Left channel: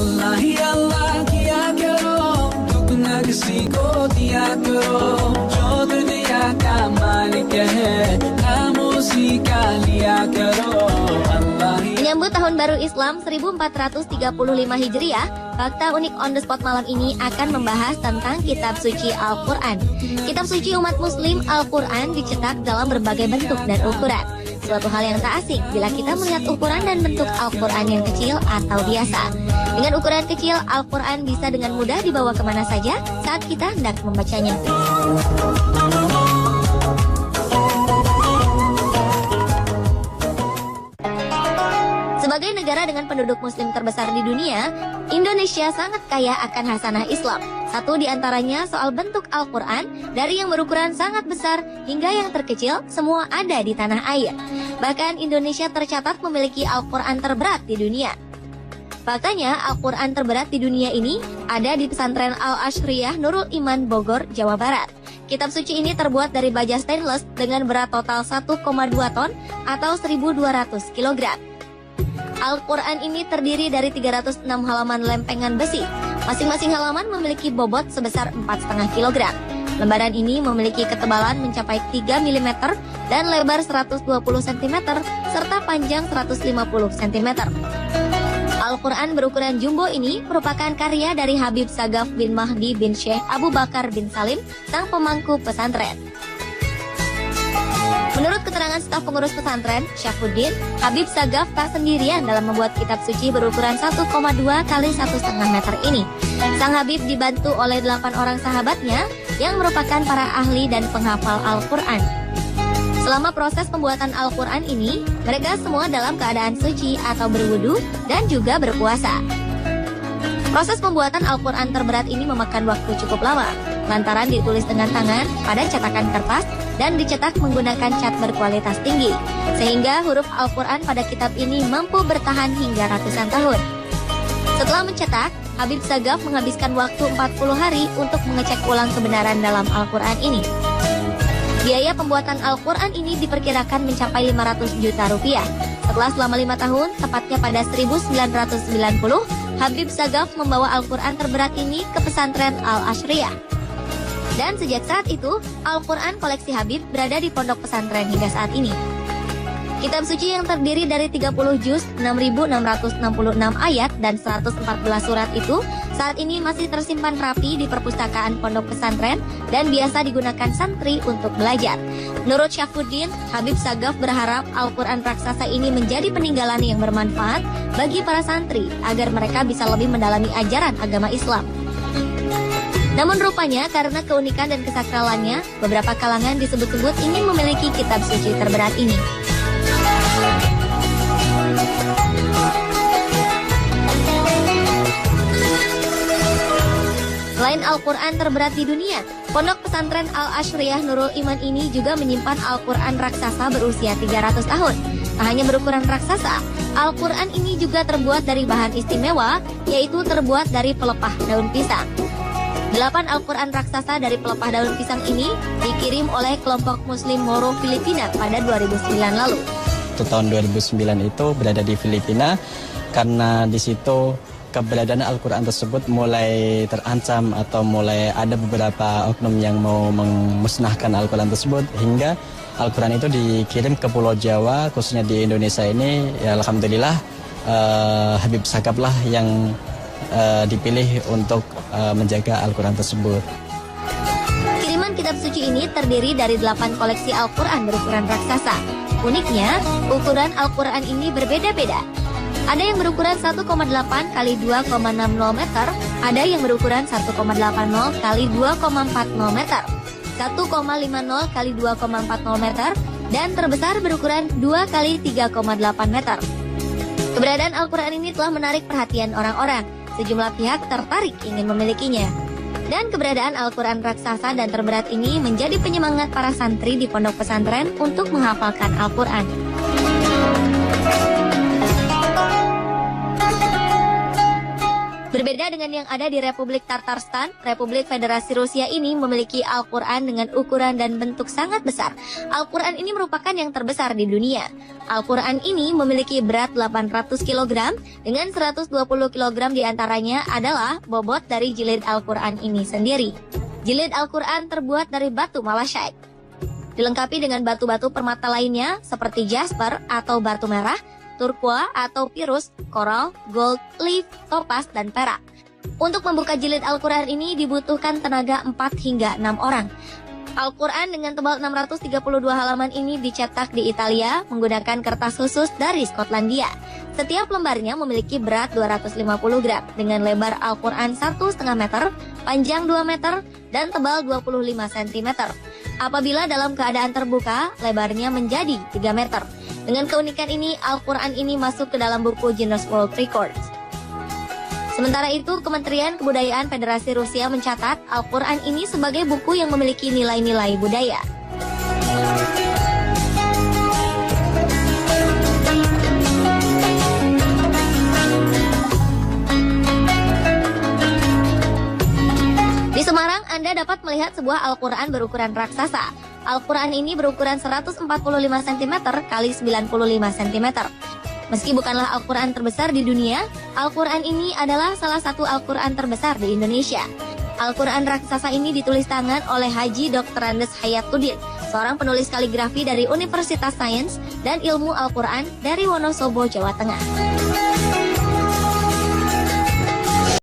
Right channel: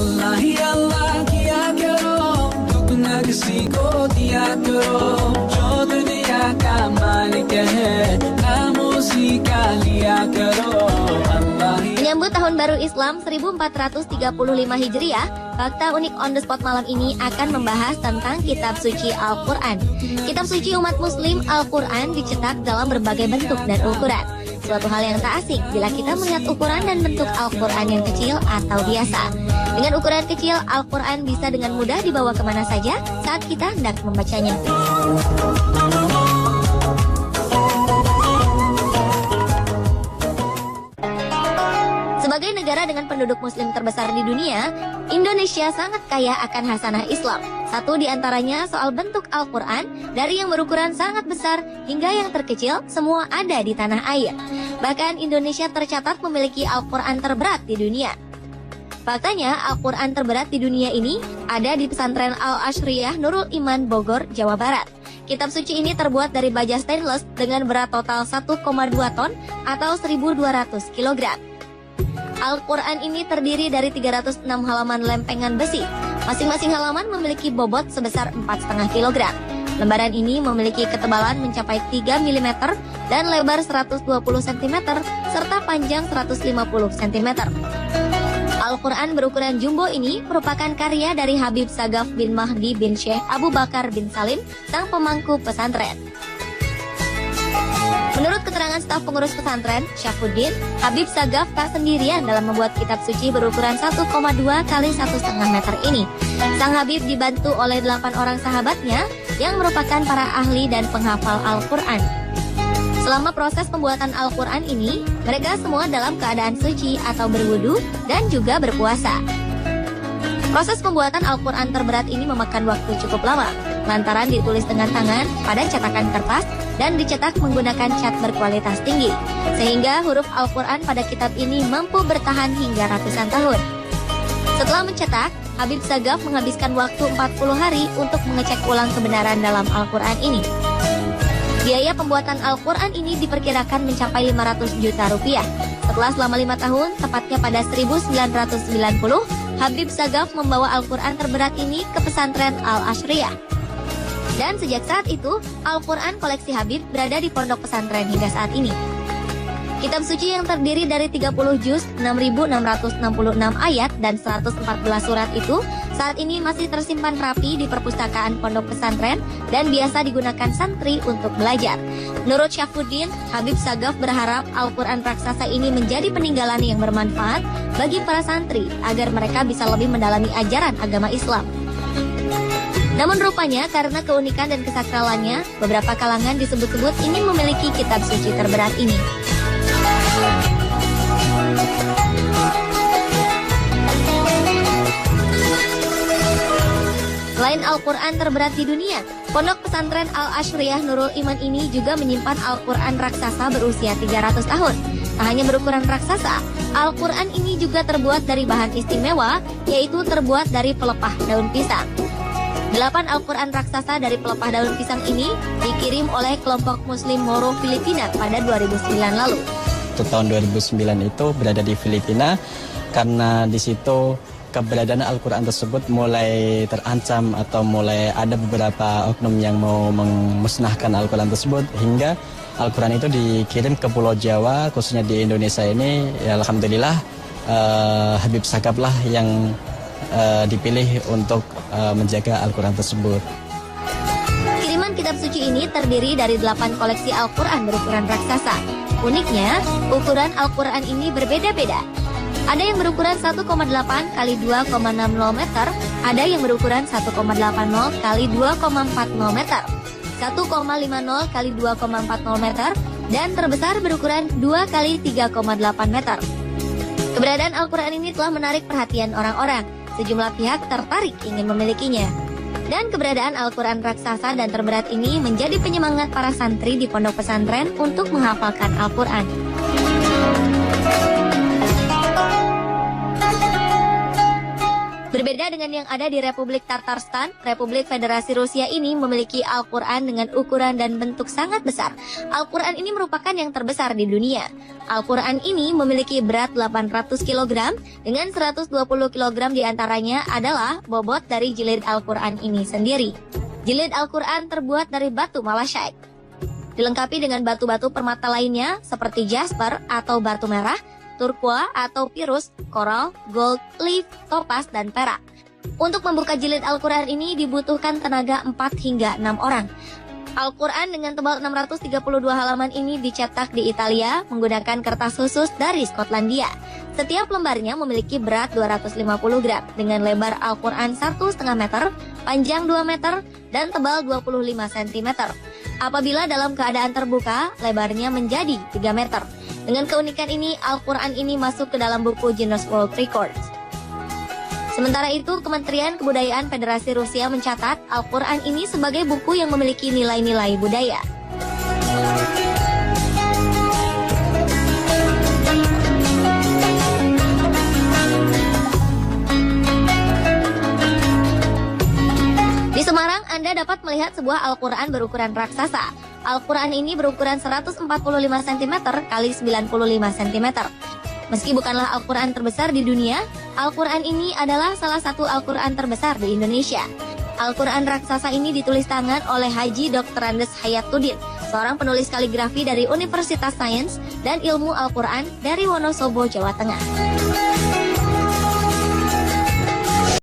अल्लाह ही अल्लाह किया करो, दुगना किसी को दिया करो, जो दुनिया का मालिक है नाम उसी का लिया करो। Menyambut Tahun Baru Islam 1435 Hijriah, Fakta Unik on the Spot malam ini akan membahas tentang Kitab Suci Al-Quran. Kitab suci umat muslim Al-Quran dicetak dalam berbagai bentuk dan ukuran. Suatu hal yang tak asing bila kita melihat ukuran dan bentuk Al-Quran yang kecil atau biasa. Dengan ukuran kecil, Al-Quran bisa dengan mudah dibawa kemana saja saat kita hendak membacanya. Sebagai negara dengan penduduk muslim terbesar di dunia, Indonesia sangat kaya akan hasanah Islam. Satu di antaranya soal bentuk Al-Quran, dari yang berukuran sangat besar hingga yang terkecil, semua ada di tanah air. Bahkan Indonesia tercatat memiliki Al-Quran terberat di dunia. Faktanya, Al-Quran terberat di dunia ini ada di pesantren Al-Ashriyah Nurul Iman Bogor, Jawa Barat. Kitab suci ini terbuat dari baja stainless dengan berat total 1,2 ton atau 1.200 kg. Al-Quran ini terdiri dari 306 halaman lempengan besi. Masing-masing halaman memiliki bobot sebesar 4,5 kg. Lembaran ini memiliki ketebalan mencapai 3 mm dan lebar 120 cm serta panjang 150 cm. Al-Quran berukuran jumbo ini merupakan karya dari Habib Sagaf bin Mahdi bin Syekh Abu Bakar bin Salim, sang pemangku pesantren. Menurut keterangan staf pengurus pesantren, Syafuddin, Habib Sagaf tak sendirian dalam membuat kitab suci berukuran 1,2 kali 1,5 meter ini. Sang Habib dibantu oleh 8 orang sahabatnya yang merupakan para ahli dan penghafal Al-Quran. Selama proses pembuatan Al-Quran ini, mereka semua dalam keadaan suci atau berwudu dan juga berpuasa. Proses pembuatan Al-Quran terberat ini memakan waktu cukup lama, lantaran ditulis dengan tangan pada cetakan kertas dan dicetak menggunakan cat berkualitas tinggi, sehingga huruf Al-Quran pada kitab ini mampu bertahan hingga ratusan tahun. Setelah mencetak, Habib Sagaf menghabiskan waktu 40 hari untuk mengecek ulang kebenaran dalam Al-Quran ini. Biaya pembuatan Al-Quran ini diperkirakan mencapai 500 juta rupiah. Setelah selama 5 tahun, tepatnya pada 1990, Habib Sagaf membawa Al-Quran terberat ini ke pesantren Al-Ashriyah. Dan sejak saat itu, Al-Quran koleksi Habib berada di pondok pesantren hingga saat ini. Kitab suci yang terdiri dari 30 juz, 6.666 ayat, dan 114 surat itu saat ini masih tersimpan rapi di perpustakaan pondok pesantren dan biasa digunakan santri untuk belajar. Menurut Syafuddin, Habib Sagaf berharap Al-Quran raksasa ini menjadi peninggalan yang bermanfaat bagi para santri agar mereka bisa lebih mendalami ajaran agama Islam. Namun rupanya karena keunikan dan kesakralannya, beberapa kalangan disebut-sebut ingin memiliki kitab suci terberat ini. Selain Al-Quran terberat di dunia, pondok pesantren Al-Ashriyah Nurul Iman ini juga menyimpan Al-Quran raksasa berusia 300 tahun. Tak hanya berukuran raksasa, Al-Quran ini juga terbuat dari bahan istimewa, yaitu terbuat dari pelepah daun pisang. 8 Al-Quran raksasa dari pelepah daun pisang ini dikirim oleh kelompok Muslim Moro Filipina pada 2009 lalu. Tahun 2009 itu berada di Filipina karena di situ keberadaan Al-Quran tersebut mulai terancam atau mulai ada beberapa oknum yang mau memusnahkan Al-Quran tersebut, hingga Al-Quran itu dikirim ke Pulau Jawa, khususnya di Indonesia ini. Ya, alhamdulillah Habib Sagaf lah yang dipilih untuk menjaga Al-Quran tersebut. Kiriman kitab suci ini terdiri dari 8 koleksi Al-Quran berukuran raksasa. Uniknya, ukuran Al-Quran ini berbeda-beda. Ada yang berukuran 1,8 kali 2,60 meter, ada yang berukuran 1,80 kali 2,40 meter, 1,50 kali 2,40 meter, dan terbesar berukuran 2 kali 3,8 meter. Keberadaan Al-Quran ini telah menarik perhatian orang-orang. Sejumlah pihak tertarik ingin memilikinya. Dan keberadaan Al-Quran raksasa dan terberat ini menjadi penyemangat para santri di pondok pesantren untuk menghafalkan Al-Quran. Berbeda dengan yang ada di Republik Tatarstan, Republik Federasi Rusia ini memiliki Al-Quran dengan ukuran dan bentuk sangat besar. Al-Quran ini merupakan yang terbesar di dunia. Al-Quran ini memiliki berat 800 kg, dengan 120 kg diantaranya adalah bobot dari jilid Al-Quran ini sendiri. Jilid Al-Quran terbuat dari batu malachite. Dilengkapi dengan batu-batu permata lainnya seperti jasper atau batu merah, turquoise atau pirus, koral, gold, leaf, topaz, dan perak. Untuk membuka jilid Al-Quran ini dibutuhkan tenaga 4 hingga 6 orang. Al-Quran dengan tebal 632 halaman ini dicetak di Italia menggunakan kertas khusus dari Skotlandia. Setiap lembarnya memiliki berat 250 gram dengan lebar Al-Quran 1,5 meter, panjang 2 meter, dan tebal 25 cm. Apabila dalam keadaan terbuka, lebarnya menjadi 3 meter. Dengan keunikan ini, Al-Quran ini masuk ke dalam buku Guinness World Records. Sementara itu, Kementerian Kebudayaan Federasi Rusia mencatat Al-Quran ini sebagai buku yang memiliki nilai-nilai budaya. Di Semarang, Anda dapat melihat sebuah Al-Quran berukuran raksasa. Al-Quran ini berukuran 145 cm x 95 cm. Meski bukanlah Al-Quran terbesar di dunia, Al-Quran ini adalah salah satu Al-Quran terbesar di Indonesia. Al-Quran raksasa ini ditulis tangan oleh Haji Dr. Andes Hayatuddin, seorang penulis kaligrafi dari Universitas Sains dan Ilmu Al-Quran dari Wonosobo, Jawa Tengah.